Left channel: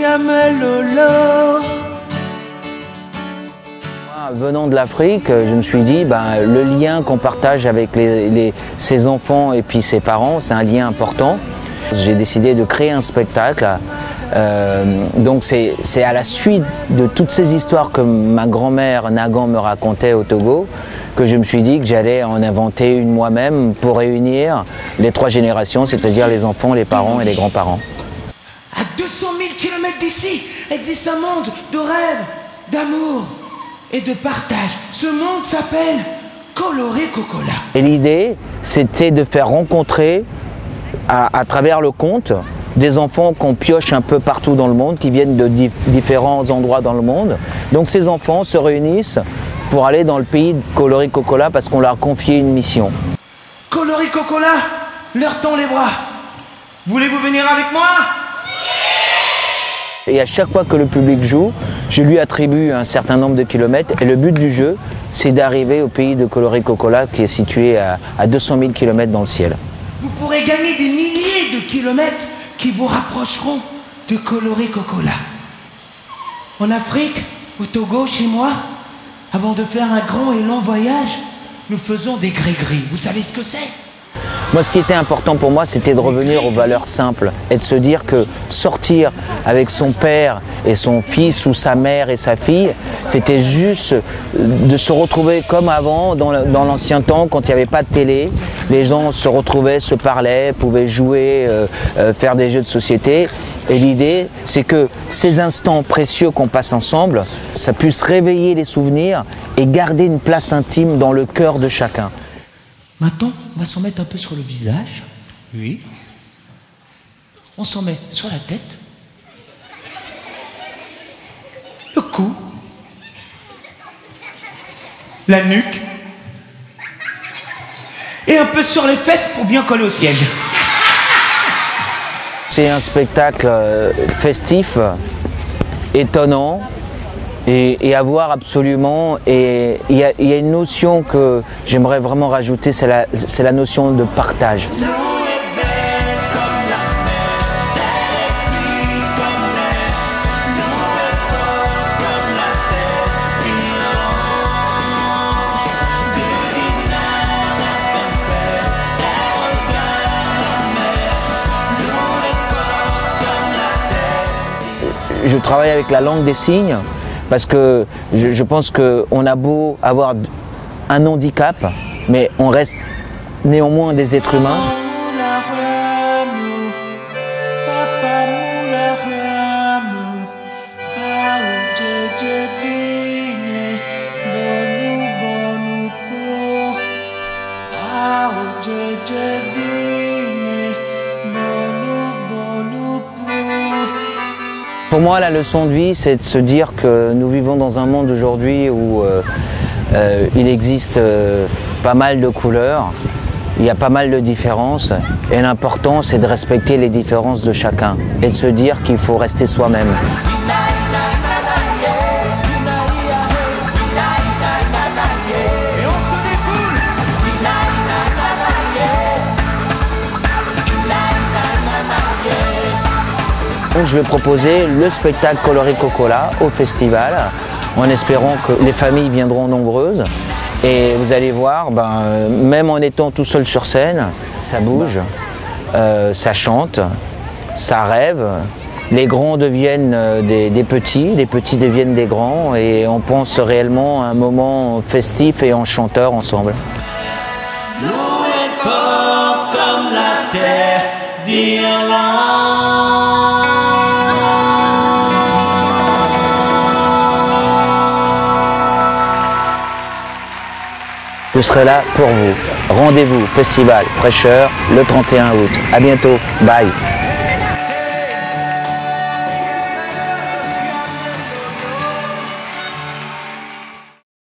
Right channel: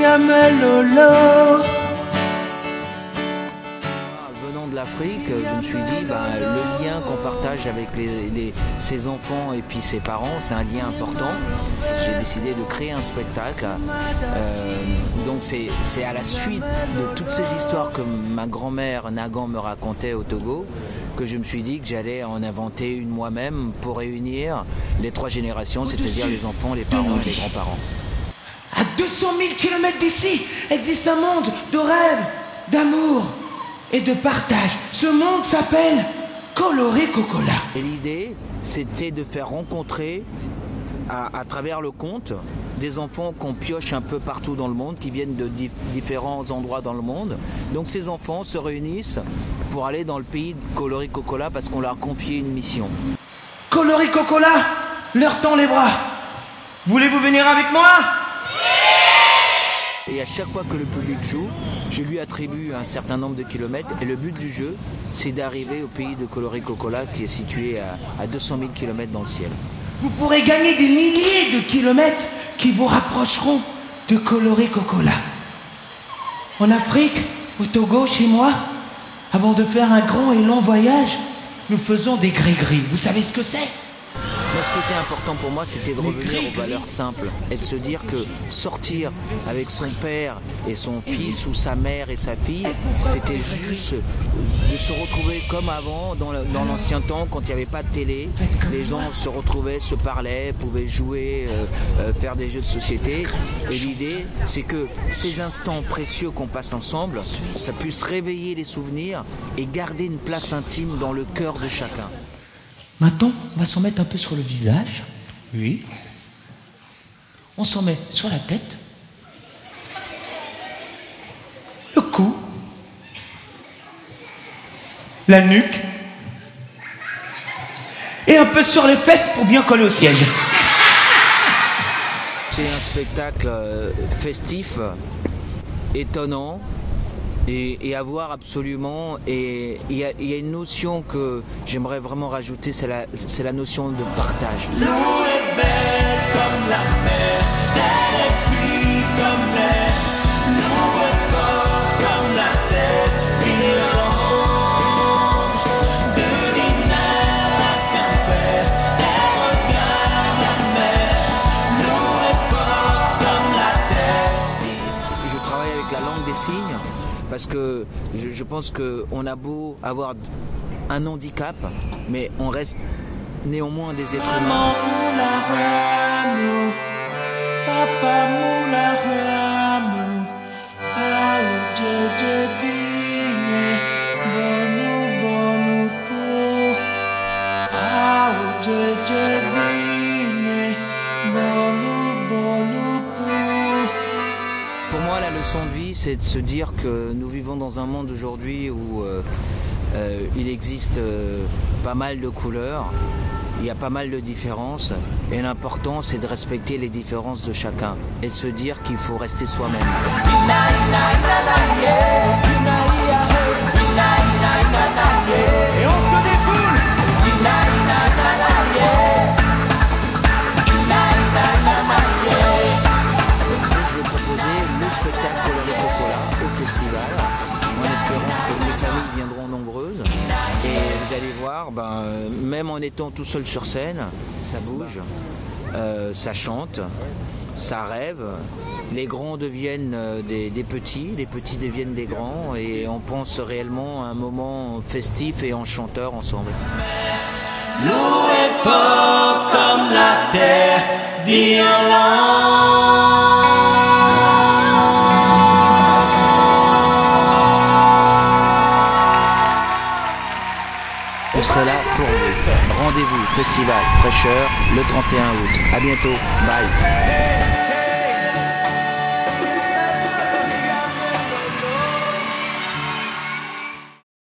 Lolo. Venant de l'Afrique, je me suis dit, le lien qu'on partage avec ses enfants et puis ses parents, c'est un lien important. J'ai décidé de créer un spectacle. Donc c'est à la suite de toutes ces histoires que ma grand-mère Nagan me racontait au Togo que je me suis dit que j'allais en inventer une moi-même pour réunir les trois générations, c'est-à-dire les enfants, les parents et les grands-parents. À 200 000 km d'ici existe un monde de rêve, d'amour et de partage. Ce monde s'appelle Coloré Cocola. Et l'idée, c'était de faire rencontrer à travers le conte des enfants qu'on pioche un peu partout dans le monde, qui viennent de différents endroits dans le monde. Donc ces enfants se réunissent pour aller dans le pays de Coloré Cocola parce qu'on leur a confié une mission. Coloré Cocola leur tend les bras. Voulez-vous venir avec moi? Et à chaque fois que le public joue, je lui attribue un certain nombre de kilomètres. Et le but du jeu, c'est d'arriver au pays de Coloré Cocola qui est situé à 200 000 km dans le ciel. Vous pourrez gagner des milliers de kilomètres qui vous rapprocheront de Coloré Cocola. En Afrique, au Togo, chez moi, avant de faire un grand et long voyage, nous faisons des gris-gris. Vous savez ce que c'est? Moi, ce qui était important pour moi, c'était de revenir aux valeurs simples et de se dire que sortir avec son père et son fils ou sa mère et sa fille, c'était juste de se retrouver comme avant, dans l'ancien temps, quand il n'y avait pas de télé. Les gens se retrouvaient, se parlaient, pouvaient jouer, faire des jeux de société. Et l'idée, c'est que ces instants précieux qu'on passe ensemble, ça puisse réveiller les souvenirs et garder une place intime dans le cœur de chacun. Maintenant, on va s'en mettre un peu sur le visage. Oui. On s'en met sur la tête. Le cou. La nuque. Et un peu sur les fesses pour bien coller au siège. C'est un spectacle festif, étonnant. Et à voir absolument, et il y a une notion que j'aimerais vraiment rajouter, c'est la notion de partage. L'eau est belle comme la mer, elle est fluide comme l'air, l'eau est forte comme la terre, Irlande, de Dinard à Quimper, elle regarde la mer, l'eau est forte comme la terre. Je travaille avec la langue des signes. Parce que je pense qu'on a beau avoir un handicap, mais on reste néanmoins des êtres humains. Pour moi, la leçon de vie, c'est de se dire que nous vivons dans un monde aujourd'hui où il existe pas mal de couleurs, il y a pas mal de différences, et l'important, c'est de respecter les différences de chacun et de se dire qu'il faut rester soi-même. Je vais proposer le spectacle Coloré Cocola au festival, en espérant que les familles viendront nombreuses. Et vous allez voir, même en étant tout seul sur scène, ça bouge, ça chante, ça rêve. Les grands deviennent des petits, les petits deviennent des grands, et on pense réellement à un moment festif et enchanteur ensemble. L'eau est forte comme la terre d'Irlande. Je serai là pour vous. Rendez-vous, festival Fraîcheur, le 31 août. À bientôt. Bye.